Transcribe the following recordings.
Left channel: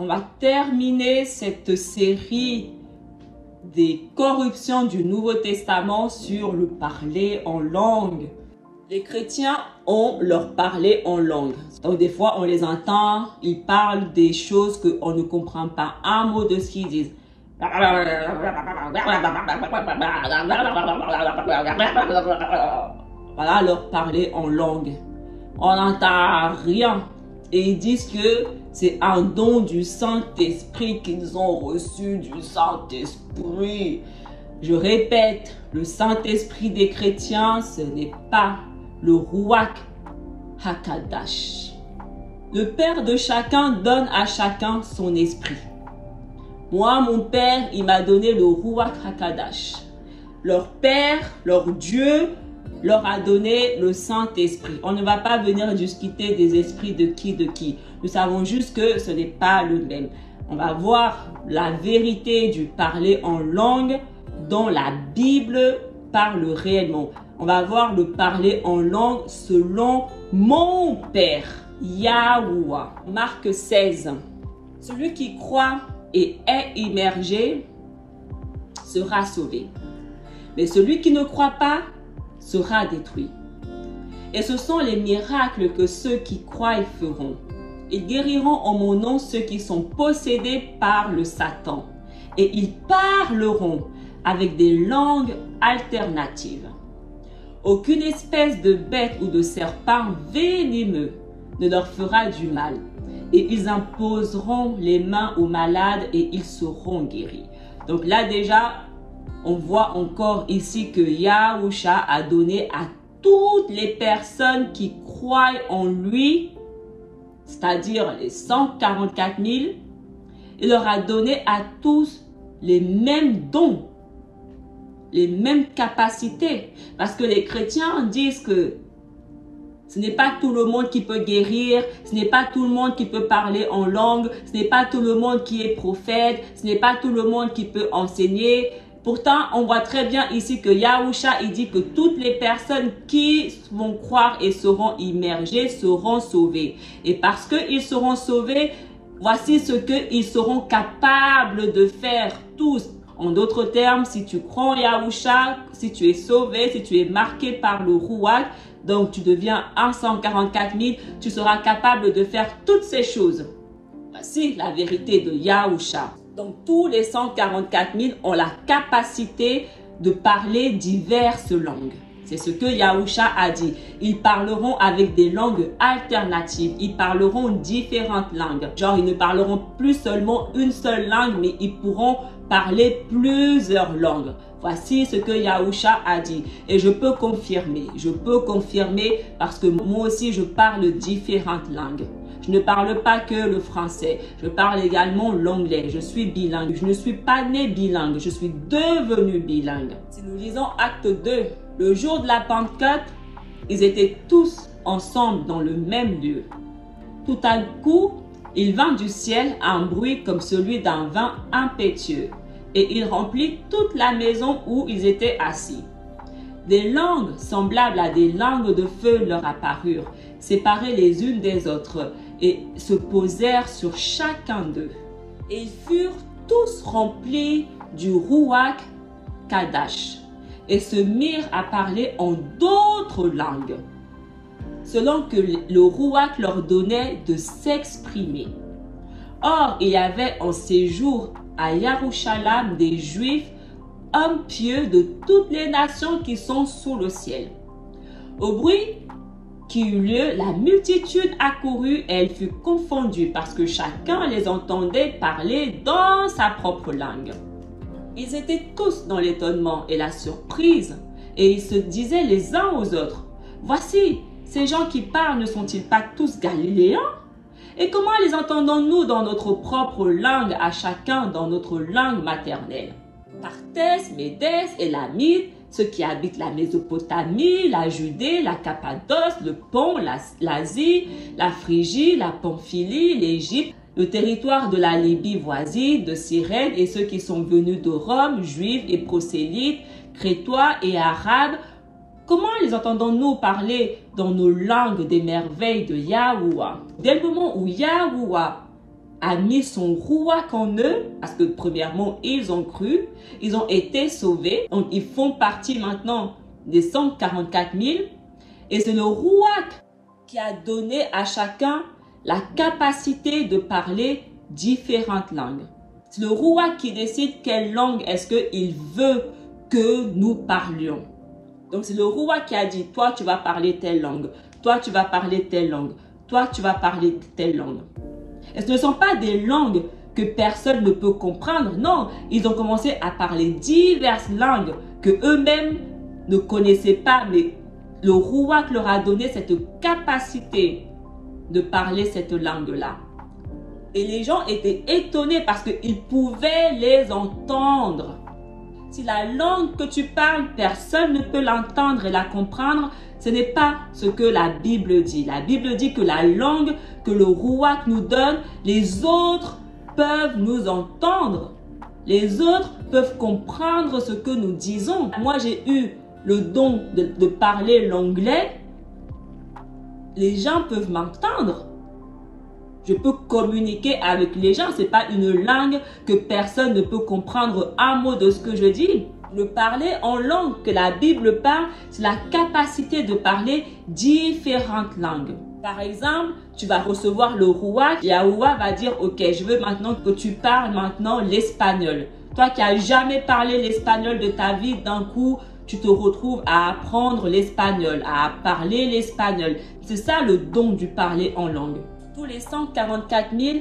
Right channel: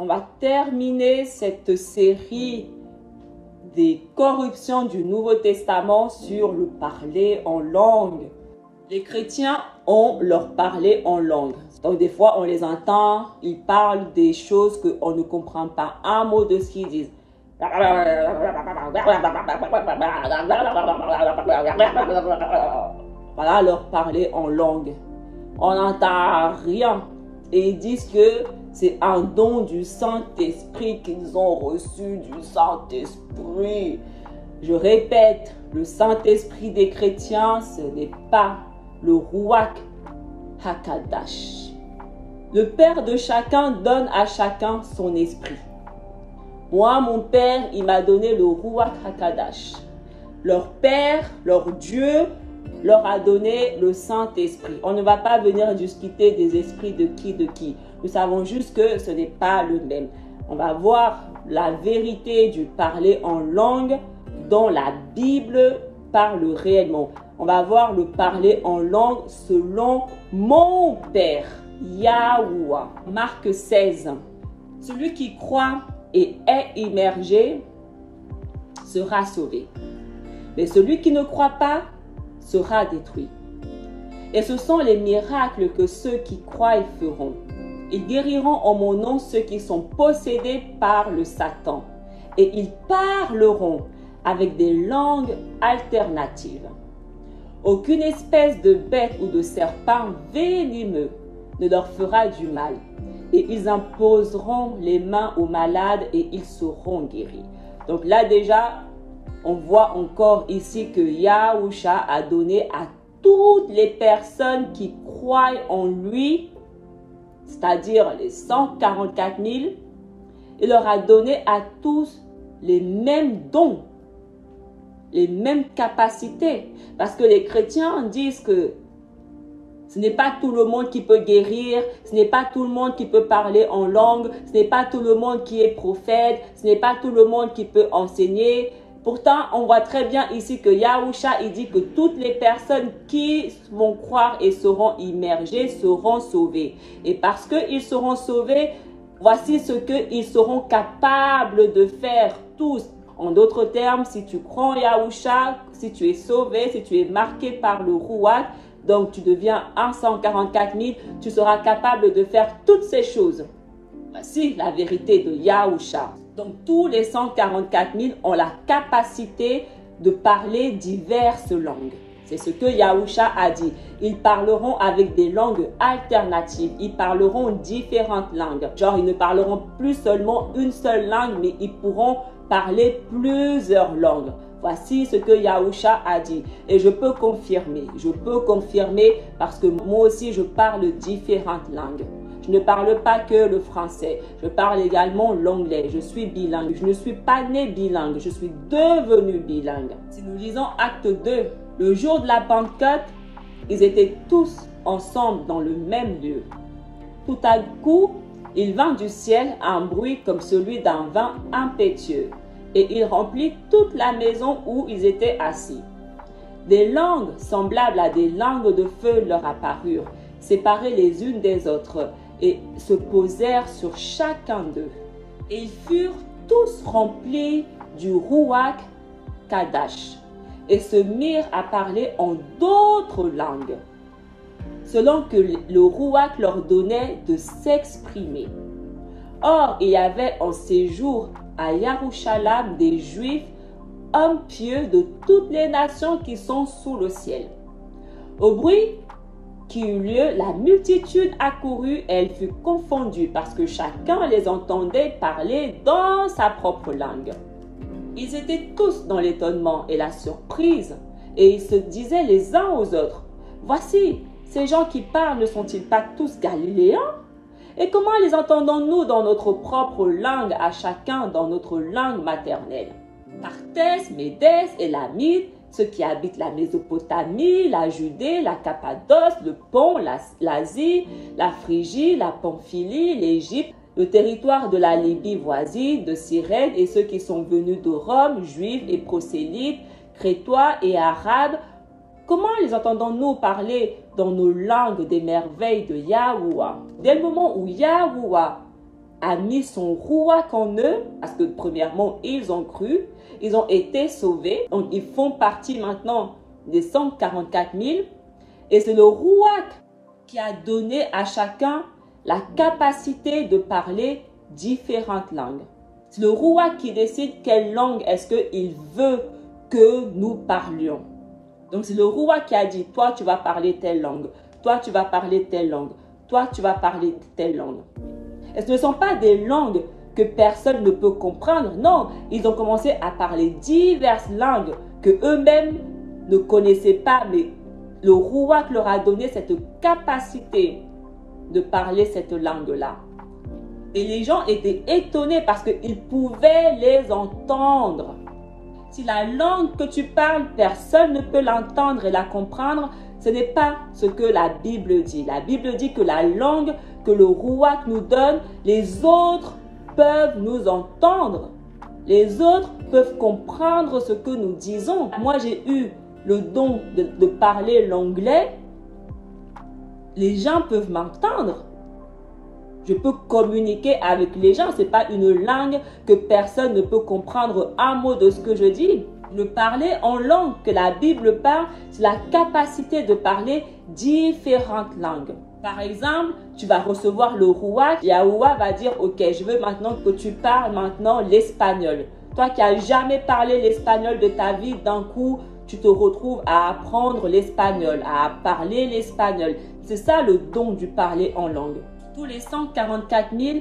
on va terminer cette série des corruptions du Nouveau Testament sur le parler en langue. Les chrétiens ont leur parler en langue. Donc des fois, on les entend, ils parlent des choses qu'on ne comprend pas un mot de ce qu'ils disent. Voilà leur parler en langue. On n'entend rien. Et ils disent que c'est un don du Saint-Esprit qu'ils ont reçu du Saint-Esprit. Je répète, le Saint-Esprit des chrétiens, ce n'est pas le Ruach HaKadosh. Le Père de chacun donne à chacun son esprit. Moi, mon Père, il m'a donné le Ruach HaKadosh. Leur Père, leur Dieu, leur a donné le Saint-Esprit. On ne va pas venir discuter des esprits de qui. Nous savons juste que ce n'est pas le même. On va voir la vérité du parler en langue dont la Bible parle réellement. On va voir le parler en langue selon mon Père, Yahuwah. Marc 16. Celui qui croit et est immergé sera sauvé. Mais celui qui ne croit pas sera détruit. Et ce sont les miracles que ceux qui croient feront. Ils guériront en mon nom ceux qui sont possédés par le Satan. Et ils parleront avec des langues alternatives. Aucune espèce de bête ou de serpent venimeux ne leur fera du mal. Et ils imposeront les mains aux malades et ils seront guéris. Donc là déjà, on voit encore ici que Yahusha a donné à toutes les personnes qui croient en lui, c'est-à-dire les 144 000, il leur a donné à tous les mêmes dons, les mêmes capacités. Parce que les chrétiens disent que ce n'est pas tout le monde qui peut guérir, ce n'est pas tout le monde qui peut parler en langue, ce n'est pas tout le monde qui est prophète, ce n'est pas tout le monde qui peut enseigner. Pourtant, on voit très bien ici que Yahusha, il dit que toutes les personnes qui vont croire et seront immergées seront sauvées. Et parce qu'ils seront sauvés, voici ce qu'ils seront capables de faire tous. En d'autres termes, si tu crois en Yahusha, si tu es sauvé, si tu es marqué par le Ruach, donc tu deviens 144 000, tu seras capable de faire toutes ces choses. Voici la vérité de Yahusha. Donc tous les 144 000 ont la capacité de parler diverses langues. C'est ce que Yahusha a dit. Ils parleront avec des langues alternatives. Ils parleront différentes langues. Genre, ils ne parleront plus seulement une seule langue, mais ils pourront parler plusieurs langues. Voici ce que Yahusha a dit. Et je peux confirmer parce que moi aussi je parle différentes langues. Je ne parle pas que le français, je parle également l'anglais. Je suis bilingue. Je ne suis pas né bilingue, je suis devenu bilingue. Si nous lisons Acte 2, le jour de la Pentecôte, ils étaient tous ensemble dans le même lieu. Tout à coup, il vint du ciel un bruit comme celui d'un vent impétueux. Et il remplit toute la maison où ils étaient assis. Des langues semblables à des langues de feu leur apparurent, séparées les unes des autres, et se posèrent sur chacun d'eux. Et ils furent tous remplis du Ruach Kadosh, et se mirent à parler en d'autres langues, selon que le Ruach leur donnait de s'exprimer. Or, il y avait en ces jours à Yerushalayim des Juifs, hommes pieux de toutes les nations qui sont sous le ciel. Au bruit qui eut lieu, la multitude accourut et elle fut confondue parce que chacun les entendait parler dans sa propre langue. Ils étaient tous dans l'étonnement et la surprise et ils se disaient les uns aux autres, « Voici, ces gens qui parlent ne sont-ils pas tous galiléens ? Et comment les entendons-nous dans notre propre langue, à chacun dans notre langue maternelle? Parthes, Médès et Lamite, ceux qui habitent la Mésopotamie, la Judée, la Cappadoce, le Pont, l'Asie, la Phrygie, la Pamphylie, l'Égypte, le territoire de la Libye voisine, de Cyrène et ceux qui sont venus de Rome, juifs et prosélytes, crétois et arabes. Comment les entendons-nous parler dans nos langues des merveilles de Yahuwah? Dès le moment où Yahuwah a mis son rouak en eux, parce que premièrement, ils ont cru, ils ont été sauvés, donc ils font partie maintenant des 144 000, et c'est le rouak qui a donné à chacun la capacité de parler différentes langues. C'est le rouak qui décide quelle langue est-ce qu'il veut que nous parlions. Donc c'est le rouak qui a dit, toi tu vas parler telle langue, toi tu vas parler telle langue, toi tu vas parler telle langue. Et ce ne sont pas des langues que personne ne peut comprendre. Non, ils ont commencé à parler diverses langues que eux-mêmes ne connaissaient pas, mais le rouak leur a donné cette capacité de parler cette langue-là. Et les gens étaient étonnés parce qu'ils pouvaient les entendre. Si la langue que tu parles, personne ne peut l'entendre et la comprendre, ce n'est pas ce que la Bible dit. La Bible dit que la langue que le rouak nous donne, les autres peuvent nous entendre. Les autres peuvent comprendre ce que nous disons. Moi, j'ai eu le don de parler l'anglais. Les gens peuvent m'entendre. Je peux communiquer avec les gens. Ce n'est pas une langue que personne ne peut comprendre un mot de ce que je dis. Le parler en langue que la Bible parle, c'est la capacité de parler différentes langues. Par exemple, tu vas recevoir le rouak. Yahoua va dire, ok, je veux maintenant que tu parles maintenant l'espagnol. Toi qui n'as jamais parlé l'espagnol de ta vie, d'un coup, tu te retrouves à apprendre l'espagnol, à parler l'espagnol. C'est ça le don du parler en langue. Tous les 144 000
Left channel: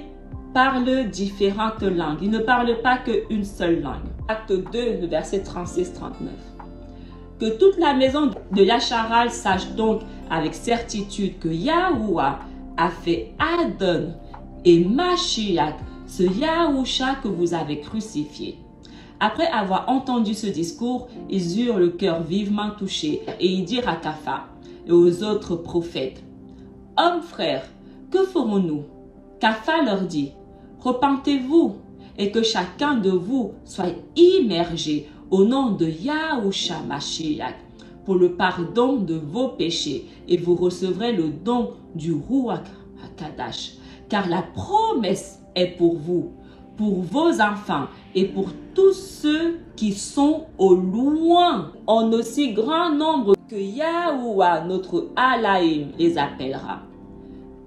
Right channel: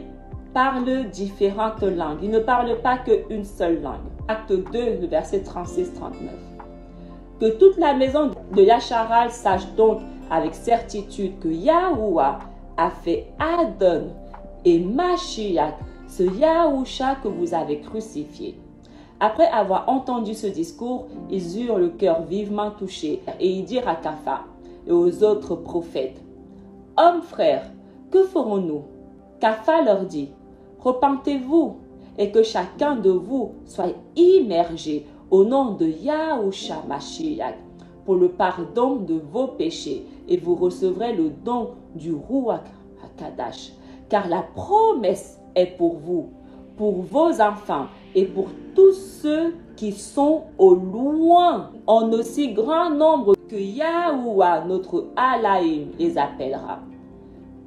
parlent différentes langues. Ils ne parlent pas qu'une seule langue. Acte 2, le verset 36-39. Que toute la maison de Yacharal sache donc avec certitude que Yahuwah a fait Adon et Mashiach, ce Yahusha que vous avez crucifié. Après avoir entendu ce discours, ils eurent le cœur vivement touché et ils dirent à Kapha et aux autres prophètes, « Hommes frères, que ferons-nous » Kapha leur dit, « Repentez-vous et que chacun de vous soit immergé au nom de Yahusha Mashiach pour le pardon de vos péchés et vous recevrez le don du Ruach HaKadash. Car la promesse est pour vous, pour vos enfants et pour tous ceux qui sont au loin, en aussi grand nombre que Yahuwah, notre Alaïm, les appellera. »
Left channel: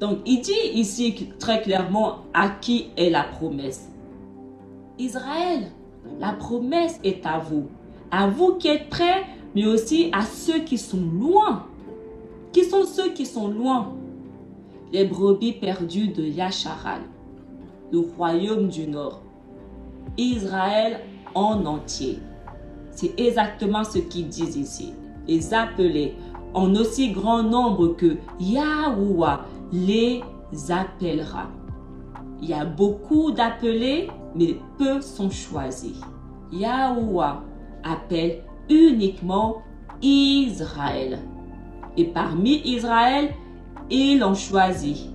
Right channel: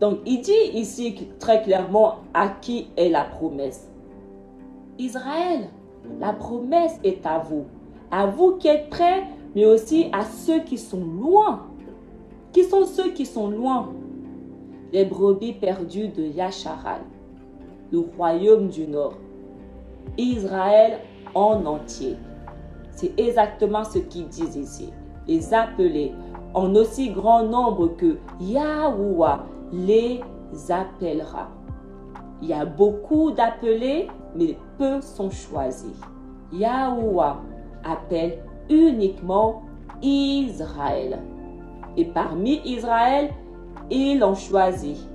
Donc, il dit ici très clairement à qui est la promesse. Israël, la promesse est à vous qui êtes prêts, mais aussi à ceux qui sont loin. Qui sont ceux qui sont loin? Les brebis perdues de Yacharal, le royaume du Nord, Israël en entier. C'est exactement ce qu'ils disent ici. Les appeler en aussi grand nombre que Yahuwah les appellera. Il y a beaucoup d'appelés, mais peu sont choisis. Yahuwah appelle uniquement Israël. Et parmi Israël, il en choisit.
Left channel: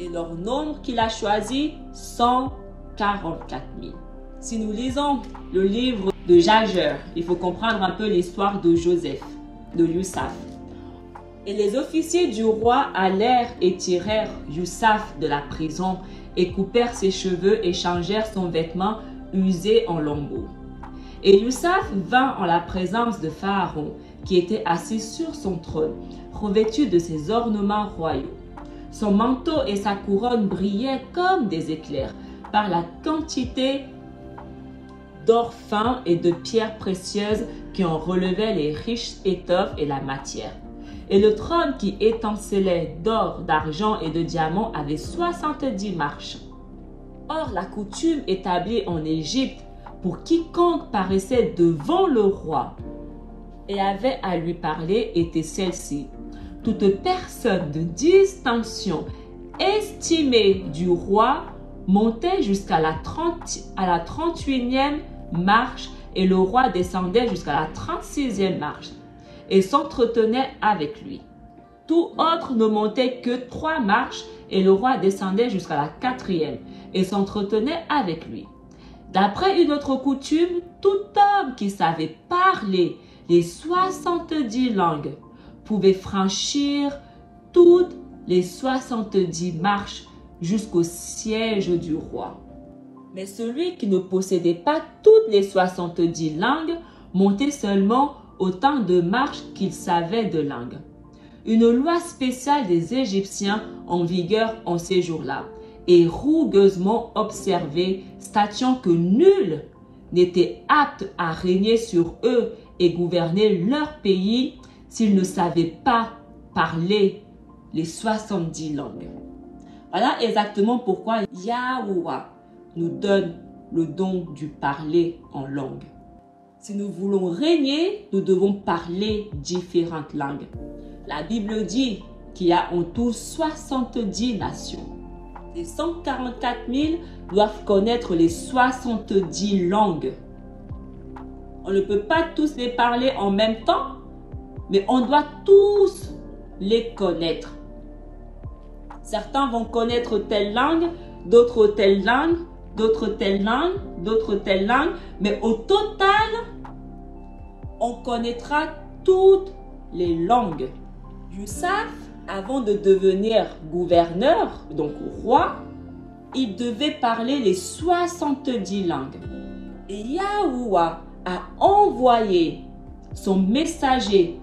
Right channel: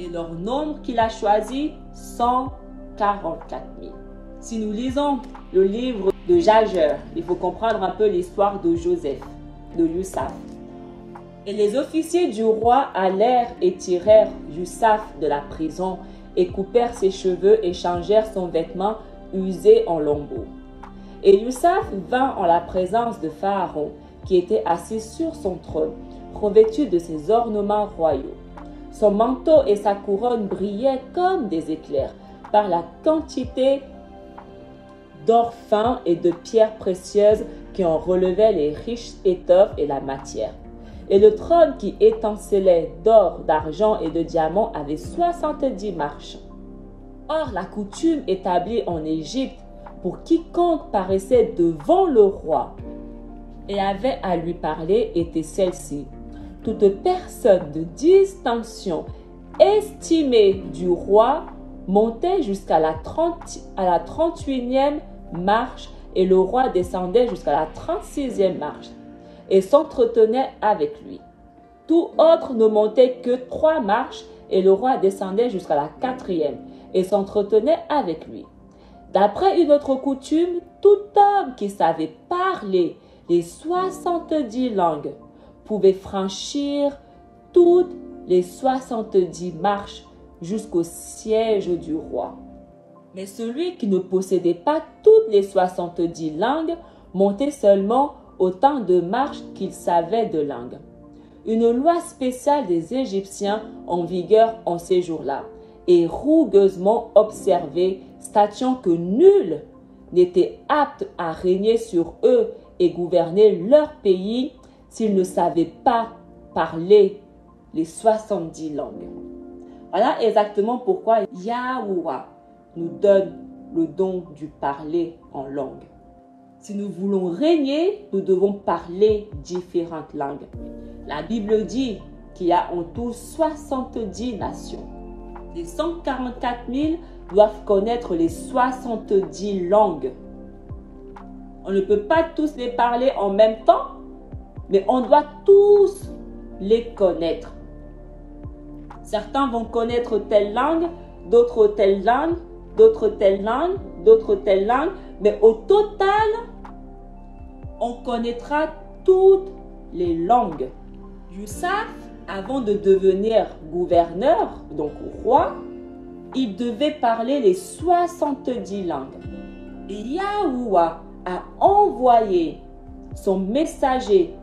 Et leur nombre qu'il a choisi, 144 000. Si nous lisons le livre de Jager, il faut comprendre un peu l'histoire de Joseph, de Youssaf. Et les officiers du roi allèrent et tirèrent Youssaf de la prison et coupèrent ses cheveux et changèrent son vêtement usé en lambeaux. Et Youssaf vint en la présence de Pharaon, qui était assis sur son trône, revêtu de ses ornements royaux. Son manteau et sa couronne brillaient comme des éclairs par la quantité d'or fin et de pierres précieuses qui en relevaient les riches étoffes et la matière. Et le trône qui étincelait d'or, d'argent et de diamants avait 70 marches. Or, la coutume établie en Égypte pour quiconque paraissait devant le roi et avait à lui parler était celle-ci. Toute personne de distinction estimée du roi montait jusqu'à la 38e marche et le roi descendait jusqu'à la 36e marche et s'entretenait avec lui. Tout autre ne montait que 3 marches et le roi descendait jusqu'à la 4e et s'entretenait avec lui. D'après une autre coutume, tout homme qui savait parler les 70 langues pouvait franchir toutes les 70 marches jusqu'au siège du roi. Mais celui qui ne possédait pas toutes les 70 langues montait seulement autant de marches qu'il savait de langues. Une loi spéciale des Égyptiens en vigueur en ces jours-là et rougueusement observée, statuant que nul n'était apte à régner sur eux et gouverner leur pays s'il ne savait pas parler les 70 langues. Voilà exactement pourquoi Yahuwah nous donne le don du parler en langue. Si nous voulons régner, nous devons parler différentes langues. La Bible dit qu'il y a en tout 70 nations. Les 144 000 doivent connaître les 70 langues. On ne peut pas tous les parler en même temps, mais on doit tous les connaître. Certains vont connaître telle langue, d'autres telle langue, d'autres telle langue, d'autres telle langue, mais au total, on connaîtra toutes les langues. Youssef, avant de devenir gouverneur, donc roi, il devait parler les 70 langues. Et Yahuwah a envoyé son messager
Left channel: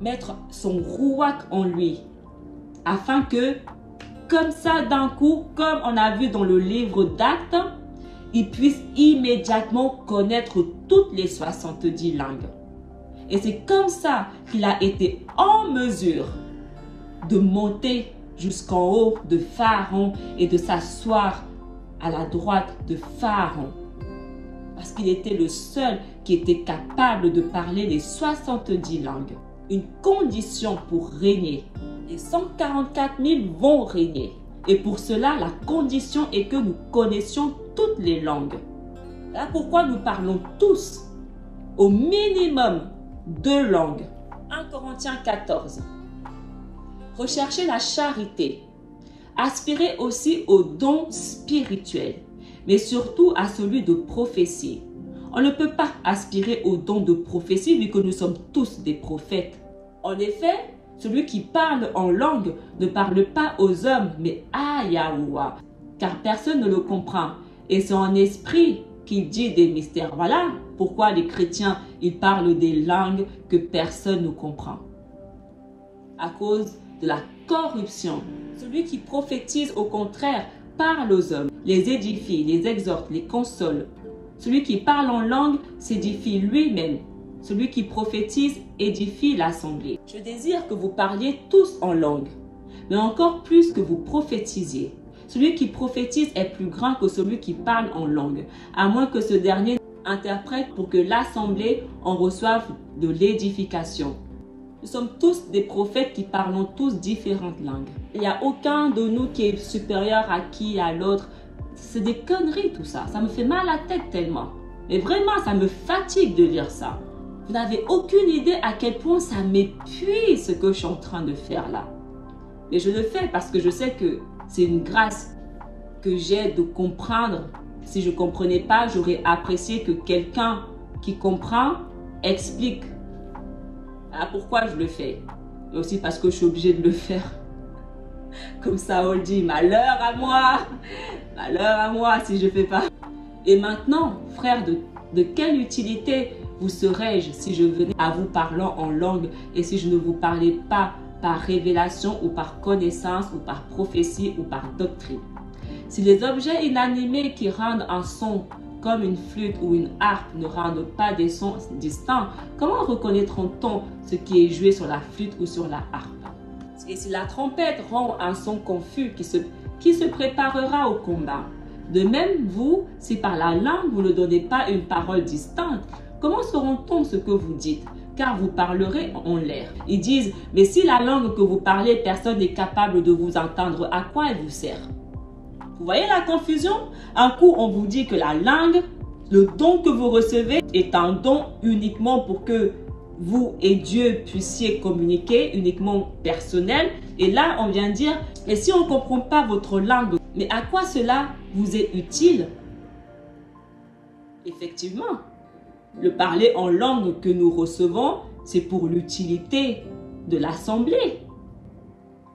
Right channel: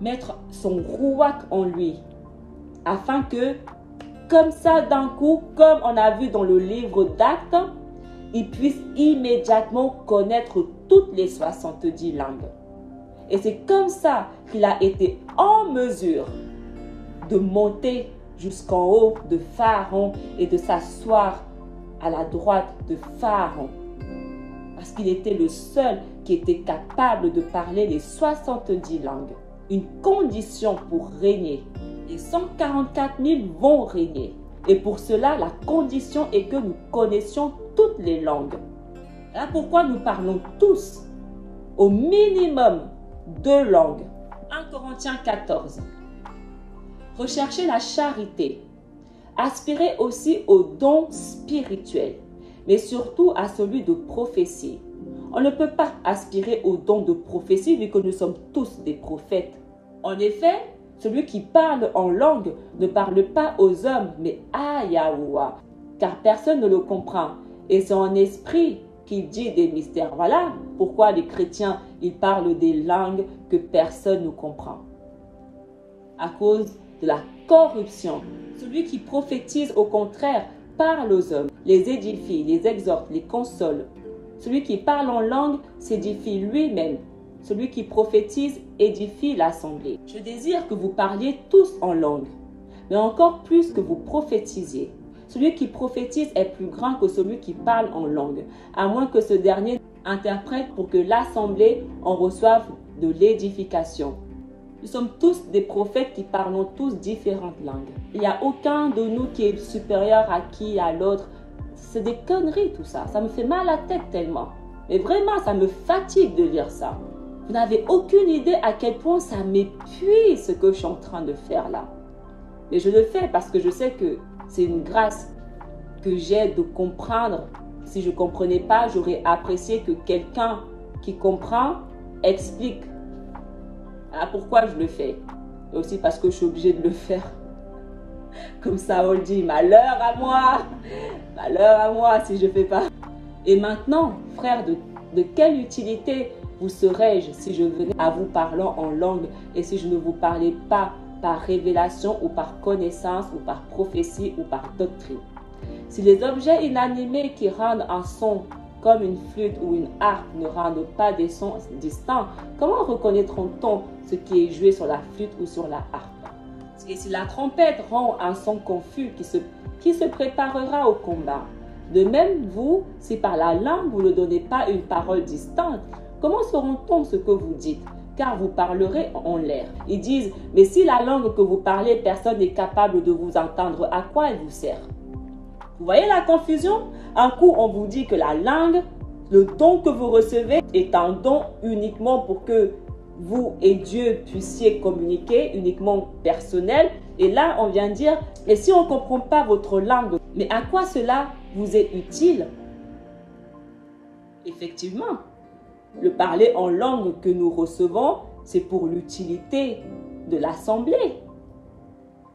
mettre son rouak en lui, afin que, comme ça d'un coup, comme on a vu dans le livre d'Actes, il puisse immédiatement connaître toutes les 70 langues. Et c'est comme ça qu'il a été en mesure de monter jusqu'en haut de Pharaon et de s'asseoir à la droite de Pharaon. Parce qu'il était le seul qui était capable de parler les 70 langues. Une condition pour régner. Les 144 000 vont régner. Et pour cela, la condition est que nous connaissions toutes les langues. Là pourquoi nous parlons tous au minimum 2 langues. 1 Corinthiens 14. Recherchez la charité. Aspirez aussi aux dons spirituels, mais surtout à celui de prophétie. On ne peut pas aspirer aux dons de prophétie vu que nous sommes tous des prophètes. En effet, celui qui parle en langue ne parle pas aux hommes, mais à Yahuwah, car personne ne le comprend. Et c'est en esprit qu'il dit des mystères. Voilà pourquoi les chrétiens, ils parlent des langues que personne ne comprend. À cause de la corruption. Celui qui prophétise, au contraire, parle aux hommes, les édifie, les exhorte, les console. Celui qui parle en langue s'édifie lui-même. Celui qui prophétise édifie l'assemblée. Je désire que vous parliez tous en langue, mais encore plus que vous prophétisiez. Celui qui prophétise est plus grand que celui qui parle en langue, à moins que ce dernier interprète pour que l'assemblée en reçoive de l'édification. Nous sommes tous des prophètes qui parlons tous différentes langues. Il n'y a aucun de nous qui est supérieur à qui, à l'autre. C'est des conneries tout ça. Ça me fait mal à la tête tellement. Mais vraiment, ça me fatigue de lire ça. Vous n'avez aucune idée à quel point ça m'épuise ce que je suis en train de faire là. Mais je le fais parce que je sais que c'est une grâce que j'ai de comprendre. Si je ne comprenais pas, j'aurais apprécié que quelqu'un qui comprend explique. Voilà pourquoi je le fais. Et aussi parce que je suis obligée de le faire. Comme Saül dit, malheur à moi si je ne fais pas. Et maintenant, frère, de quelle utilité vous serais-je si je venais à vous parlant en langue et si je ne vous parlais pas par révélation ou par connaissance ou par prophétie ou par doctrine? Si les objets inanimés qui rendent un son comme une flûte ou une harpe ne rendent pas des sons distincts, comment reconnaîtront-on ce qui est joué sur la flûte ou sur la harpe? Et si la trompette rend un son confus qui se préparera au combat? De même, vous, si par la langue vous ne donnez pas une parole distincte, comment sauront-on ce que vous dites? Car vous parlerez en l'air. Ils disent, mais si la langue que vous parlez, personne n'est capable de vous entendre, à quoi elle vous sert? Vous voyez la confusion? Un coup, on vous dit que la langue, le don que vous recevez est un don uniquement pour que vous et Dieu puissiez communiquer, uniquement personnel. Et là, on vient dire, et si on ne comprend pas votre langue, mais à quoi cela vous est utile? Effectivement, le parler en langue que nous recevons, c'est pour l'utilité de l'assemblée.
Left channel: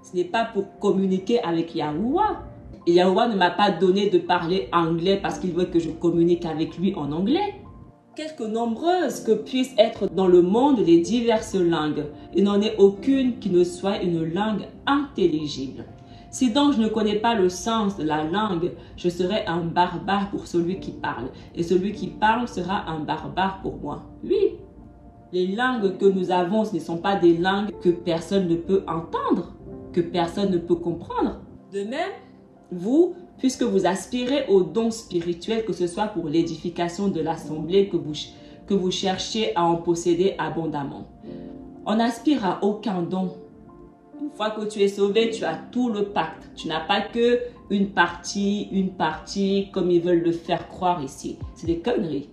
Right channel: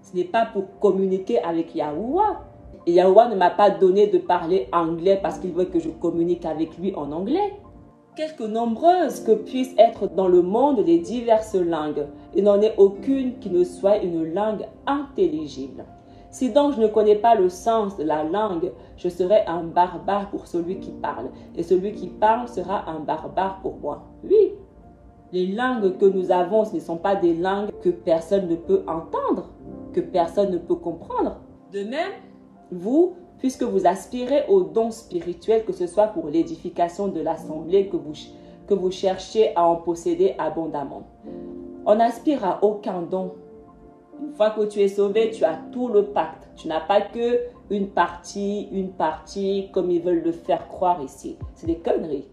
Ce n'est pas pour communiquer avec Yahuwah. Et Yahuwah ne m'a pas donné de parler anglais parce qu'il veut que je communique avec lui en anglais. Quelque nombreuses que puissent être dans le monde les diverses langues, il n'en est aucune qui ne soit une langue intelligible. Si donc je ne connais pas le sens de la langue, je serai un barbare pour celui qui parle. Et celui qui parle sera un barbare pour moi. Oui, les langues que nous avons, ce ne sont pas des langues que personne ne peut entendre, que personne ne peut comprendre. De même, vous, puisque vous aspirez aux dons spirituels, que ce soit pour l'édification de l'assemblée, que vous cherchez à en posséder abondamment. On n'aspire à aucun don. Une fois que tu es sauvé, tu as tout le pacte. Tu n'as pas que une partie, comme ils veulent le faire croire ici. C'est des conneries.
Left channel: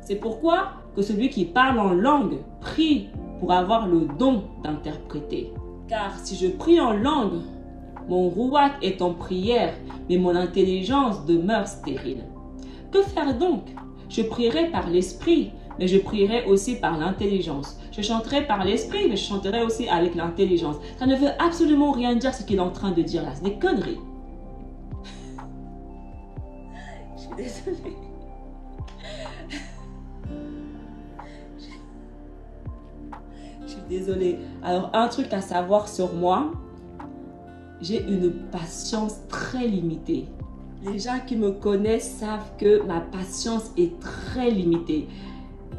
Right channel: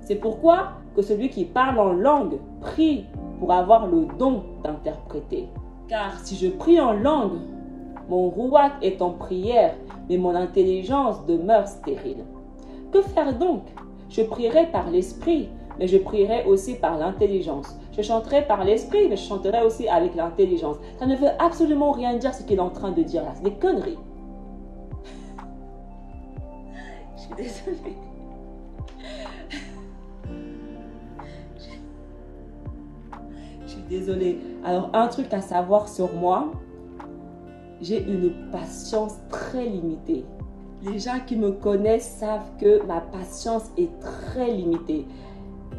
C'est pourquoi que celui qui parle en langue prie pour avoir le don d'interpréter. Car si je prie en langue, mon rouak est en prière, mais mon intelligence demeure stérile. Que faire donc? Je prierai par l'esprit, mais je prierai aussi par l'intelligence. Je chanterai par l'esprit, mais je chanterai aussi avec l'intelligence. Ça ne veut absolument rien dire ce qu'il est en train de dire là. C'est des conneries. Je suis désolée. Je suis désolée. Alors, un truc à savoir sur moi, j'ai une patience très limitée. Les gens qui me connaissent savent que ma patience est très limitée.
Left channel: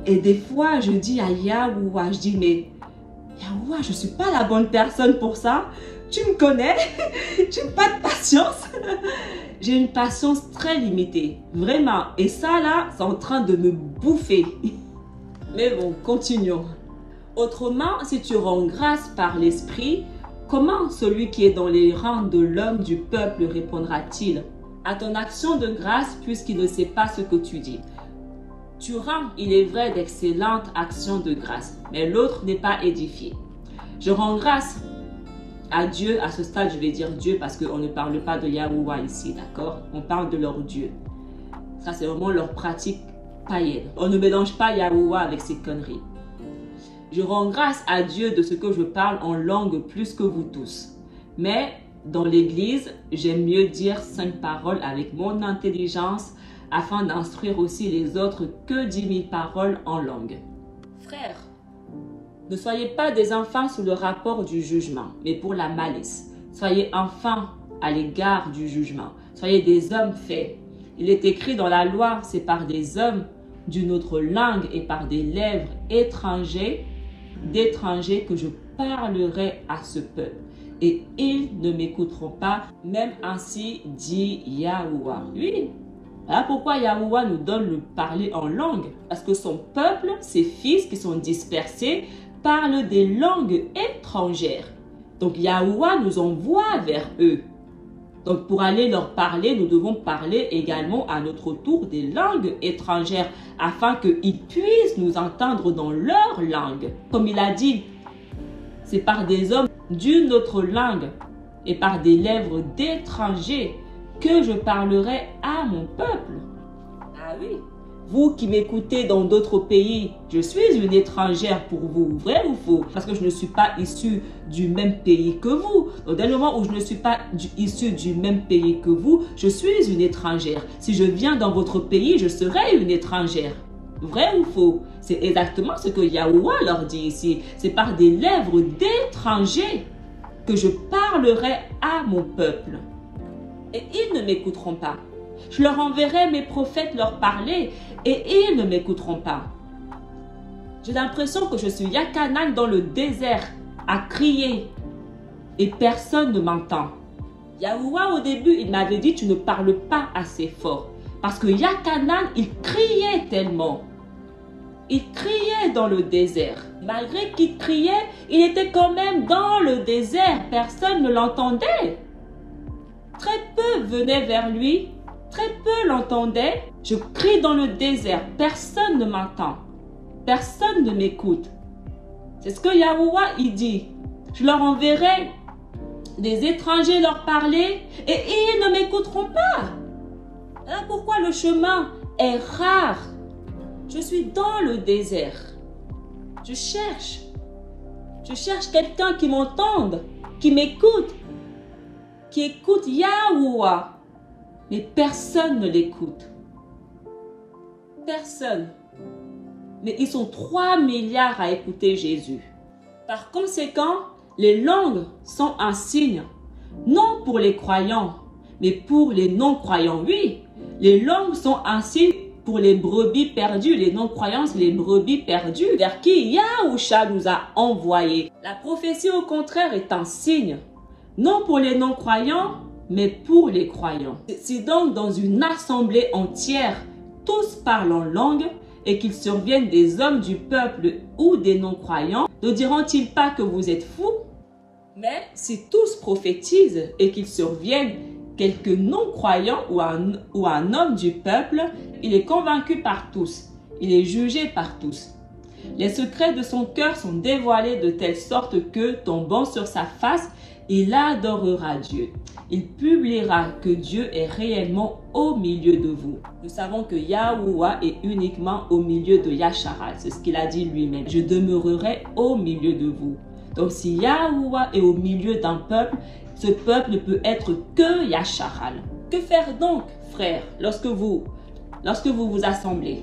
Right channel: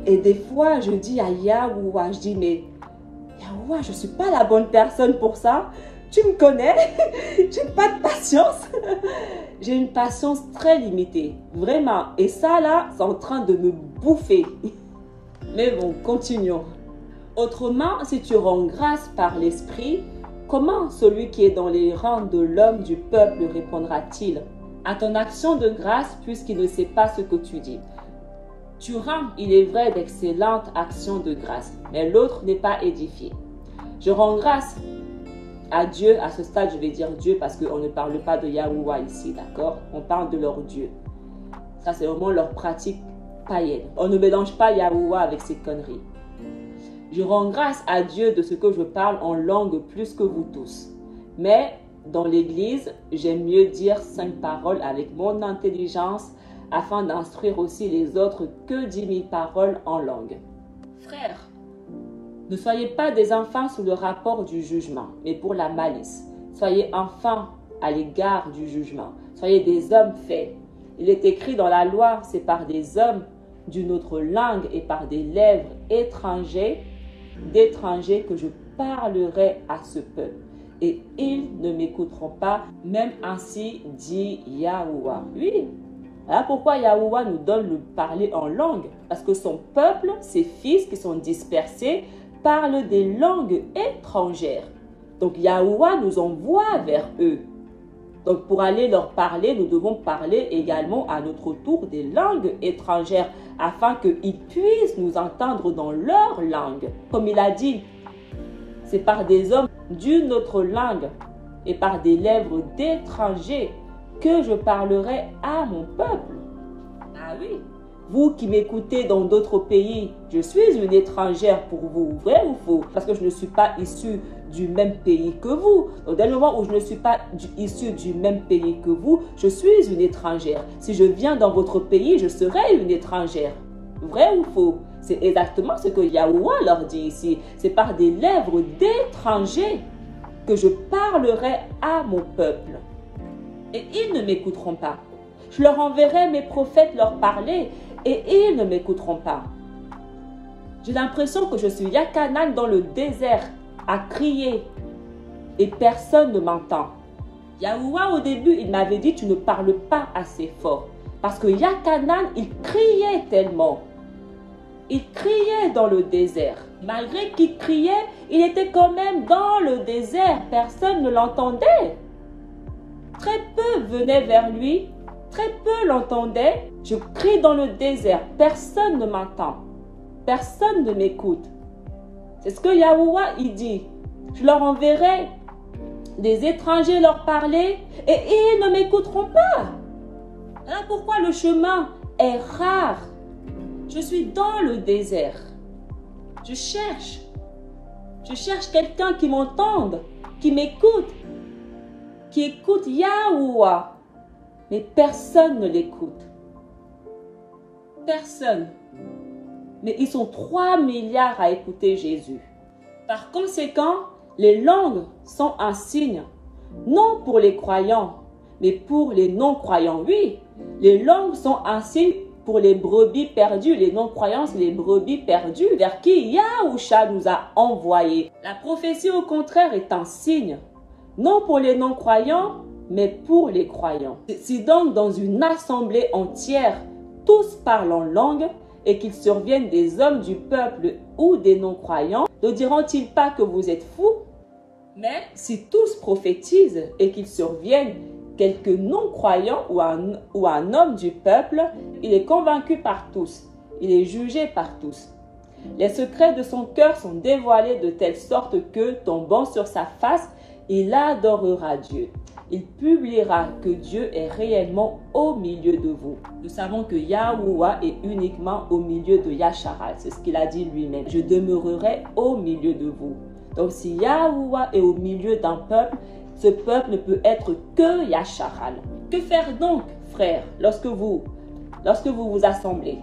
Et des fois, je dis à Yahuwah, je dis, mais Yahuwah, je ne suis pas la bonne personne pour ça. Tu me connais, je n'ai pas de patience. J'ai une patience très limitée, vraiment. Et ça, là, c'est en train de me bouffer. Mais bon, continuons. Autrement, si tu rends grâce par l'esprit, comment celui qui est dans les rangs de l'homme du peuple répondra-t-il à ton action de grâce puisqu'il ne sait pas ce que tu dis? Tu rends, il est vrai, d'excellentes actions de grâce, mais l'autre n'est pas édifié. Je rends grâce à Dieu, à ce stade je vais dire Dieu parce qu'on ne parle pas de Yahuwah ici, d'accord? On parle de leur Dieu. Ça c'est vraiment leur pratique païenne. On ne mélange pas Yahuwah avec ces conneries. Je rends grâce à Dieu de ce que je parle en langue plus que vous tous. Mais dans l'église, j'aime mieux dire 5 paroles avec mon intelligence afin d'instruire aussi les autres que 10 000 paroles en langue. Frères, ne soyez pas des enfants sous le rapport du jugement, mais pour la malice. Soyez enfants à l'égard du jugement. Soyez des hommes faits. Il est écrit dans la loi, c'est par des hommes d'une autre langue et par des lèvres d'étrangers que je parlerai à ce peuple. Et ils ne m'écouteront pas, même ainsi dit Yahuwah. Oui, voilà pourquoi Yahuwah nous donne le parler en langue. Parce que son peuple, ses fils qui sont dispersés, parlent des langues étrangères. Donc Yahuwah nous envoie vers eux. Donc pour aller leur parler, nous devons parler également à notre tour des langues étrangères afin qu'ils puissent nous entendre dans leur langue. Comme il a dit, c'est par des hommes d'une autre langue et par des lèvres d'étrangers que je parlerai à mon peuple. Ah oui, vous qui m'écoutez dans d'autres pays, je suis une étrangère pour vous, vrai ou faux? Parce que je ne suis pas issue du même pays que vous. Donc, dès le moment où je ne suis pas issue du même pays que vous, je suis une étrangère. Si je viens dans votre pays, je serai une étrangère. Vrai ou faux? C'est exactement ce que Yahuwah leur dit ici. C'est par des lèvres d'étrangers que je parlerai à mon peuple. Et ils ne m'écouteront pas. Je leur enverrai mes prophètes leur parler et ils ne m'écouteront pas. J'ai l'impression que je suis Yakanan dans le désert à crier et personne ne m'entend. Yahuwah au début, il m'avait dit tu ne parles pas assez fort. Parce que Yakanan, il criait tellement. Il criait dans le désert. Malgré qu'il criait, il était quand même dans le désert. Personne ne l'entendait. Très peu venaient vers lui. Très peu l'entendaient. Je crie dans le désert. Personne ne m'entend. Personne ne m'écoute. C'est ce que Yahuwah il dit. Je leur enverrai des étrangers leur parler et ils ne m'écouteront pas. Voilà pourquoi le chemin est rare. Je suis dans le désert. Je cherche. Je cherche quelqu'un qui m'entende, qui m'écoute, qui écoute Yahuwah. Mais personne ne l'écoute. Personne. Mais ils sont 3 milliards à écouter Jésus. Par conséquent, les langues sont un signe, non pour les croyants, mais pour les non-croyants. Oui, les langues sont un signe pour les brebis perdues. Les non-croyants, c'est les brebis perdues vers qui Yahusha nous a envoyés. La prophétie, au contraire, est un signe, non pour les non-croyants, mais pour les croyants. Si donc dans une assemblée entière, tous parlent en langue, et qu'il survienne des hommes du peuple ou des non-croyants, ne diront-ils pas que vous êtes fous? Mais si tous prophétisent et qu'il survienne quelques non-croyants ou un homme du peuple, il est convaincu par tous, il est jugé par tous. Les secrets de son cœur sont dévoilés de telle sorte que, tombant sur sa face, il adorera Dieu. Il publiera que Dieu est réellement au milieu de vous. Nous savons que Yahuwah est uniquement au milieu de Yasharal. C'est ce qu'il a dit lui-même. Je demeurerai au milieu de vous. Donc si Yahuwah est au milieu d'un peuple, ce peuple ne peut être que Yasharal. Que faire donc, frères, lorsque vous vous assemblez?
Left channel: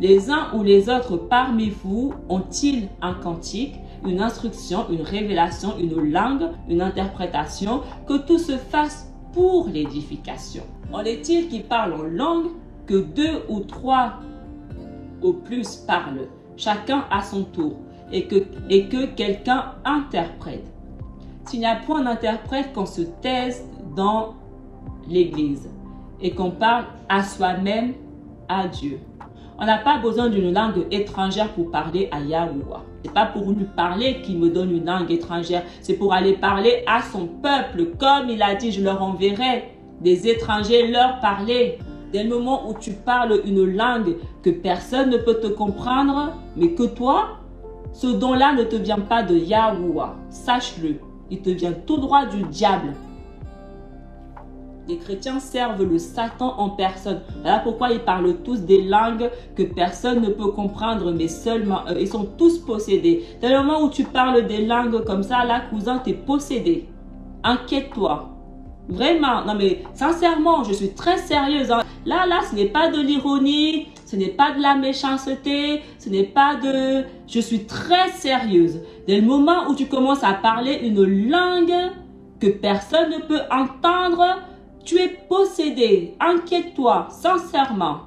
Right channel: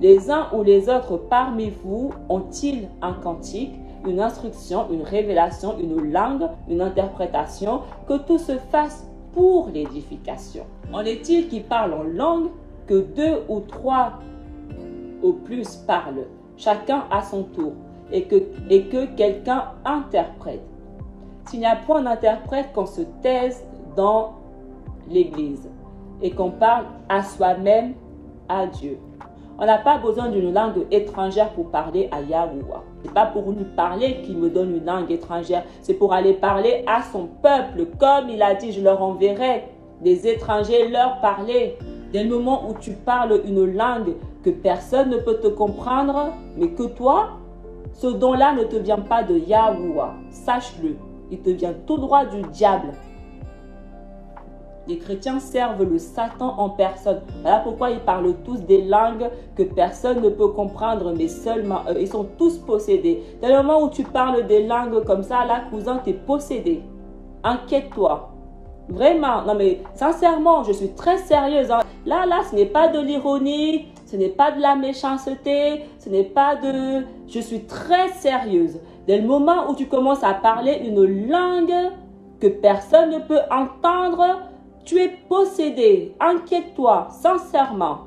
Les uns ou les autres parmi vous ont-ils un cantique, une instruction, une révélation, une langue, une interprétation, que tout se fasse pour l'édification? En est-il qui parle en langue, que 2 ou 3 au plus parlent, chacun à son tour, et que quelqu'un interprète? S'il n'y a point d'interprète, qu'on se taise dans l'Église et qu'on parle à soi-même, à Dieu. On n'a pas besoin d'une langue étrangère pour parler à Yahuwah. Ce n'est pas pour lui parler qu'il me donne une langue étrangère. C'est pour aller parler à son peuple. Comme il a dit, je leur enverrai des étrangers leur parler. Dès le moment où tu parles une langue que personne ne peut te comprendre, mais que toi, ce don-là ne te vient pas de Yahuwah. Sache-le, il te vient tout droit du diable. Les chrétiens servent le Satan en personne. Voilà pourquoi ils parlent tous des langues que personne ne peut comprendre, mais seulement eux. Ils sont tous possédés. Dès le moment où tu parles des langues comme ça, là, cousin, tu es possédé. Inquiète-toi. Vraiment. Non, mais sincèrement, je suis très sérieuse. Hein. Là, ce n'est pas de l'ironie. Ce n'est pas de la méchanceté. Ce n'est pas de... Je suis très sérieuse. Dès le moment où tu commences à parler une langue que personne ne peut entendre, tu es possédé. Inquiète-toi, sincèrement.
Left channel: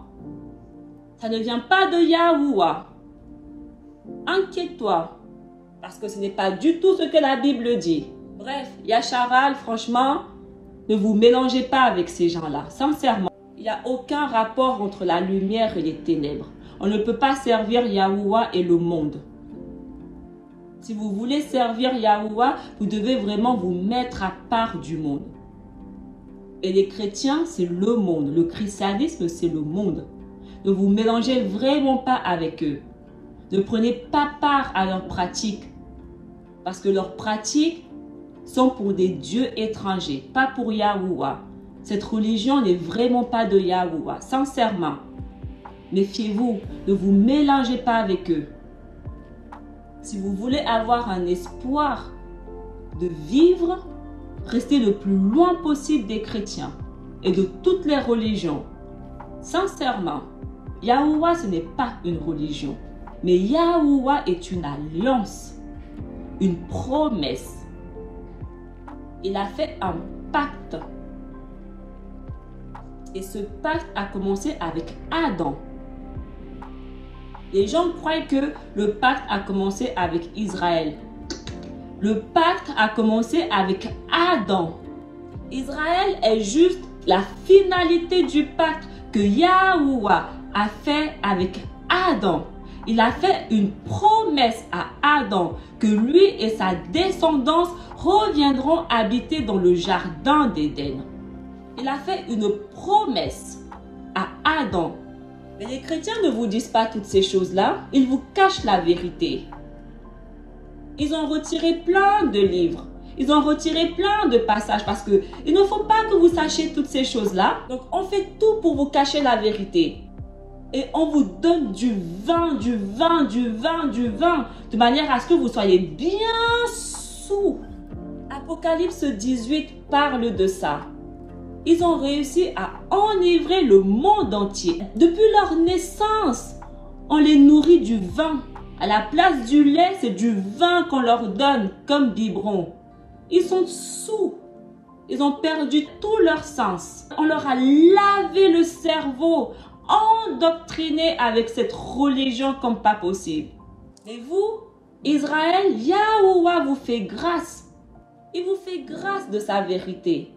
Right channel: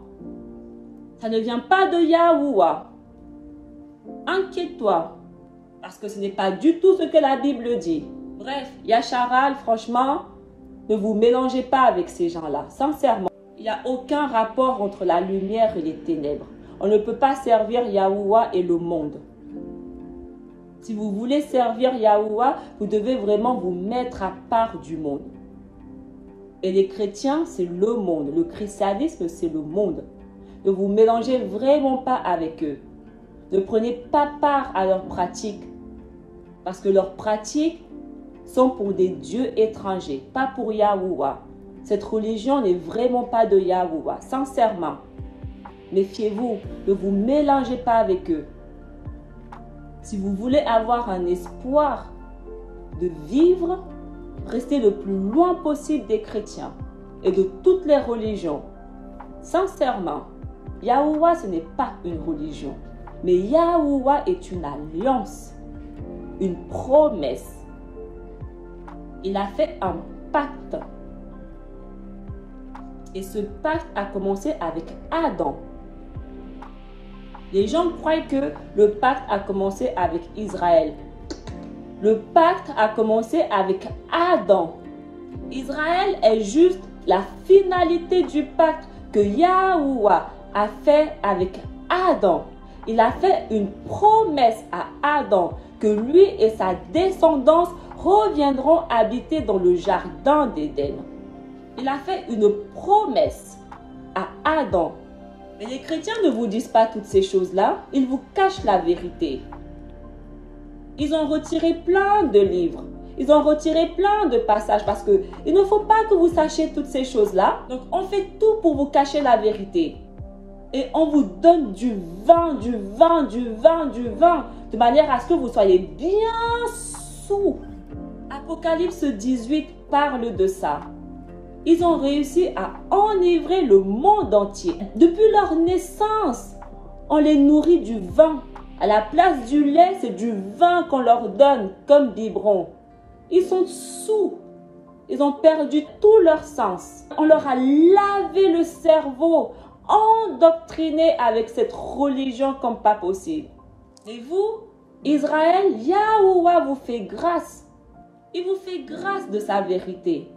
Ça ne vient pas de Yahuwah. Inquiète-toi. Parce que ce n'est pas du tout ce que la Bible dit. Bref, Yasharal, franchement, ne vous mélangez pas avec ces gens-là. Sincèrement, il n'y a aucun rapport entre la lumière et les ténèbres. On ne peut pas servir Yahuwah et le monde. Si vous voulez servir Yahuwah, vous devez vraiment vous mettre à part du monde. Et les chrétiens, c'est le monde. Le christianisme, c'est le monde. Ne vous mélangez vraiment pas avec eux. Ne prenez pas part à leurs pratiques. Parce que leurs pratiques sont pour des dieux étrangers, pas pour Yahuwah. Cette religion n'est vraiment pas de Yahuwah, sincèrement. Méfiez-vous, ne vous mélangez pas avec eux. Si vous voulez avoir un espoir de vivre, restez le plus loin possible des chrétiens et de toutes les religions. Sincèrement, Yahuwah, ce n'est pas une religion, mais Yahuwah est une alliance, une promesse. Il a fait un pacte. Et ce pacte a commencé avec Adam. Les gens croient que le pacte a commencé avec Israël. Le pacte a commencé avec Adam. Israël est juste la finalité du pacte que Yahuwah a fait avec Adam. Il a fait une promesse à Adam que lui et sa descendance reviendront habiter dans le jardin d'Éden. Il a fait une promesse à Adam. Mais les chrétiens ne vous disent pas toutes ces choses-là. Ils vous cachent la vérité. Ils ont retiré plein de livres. Ils ont retiré plein de passages parce qu'il ne faut pas que vous sachiez toutes ces choses-là. Donc, on fait tout pour vous cacher la vérité. et on vous donne du vin, de manière à ce que vous soyez bien sous. Apocalypse 18 parle de ça. Ils ont réussi à enivrer le monde entier. Depuis leur naissance, on les nourrit du vin. À la place du lait, c'est du vin qu'on leur donne comme biberon. Ils sont sous. Ils ont perdu tout leur sens. On leur a lavé le cerveau, endoctriné avec cette religion comme pas possible. Et vous, Israël, Yahuwah vous fait grâce. Il vous fait grâce de sa vérité.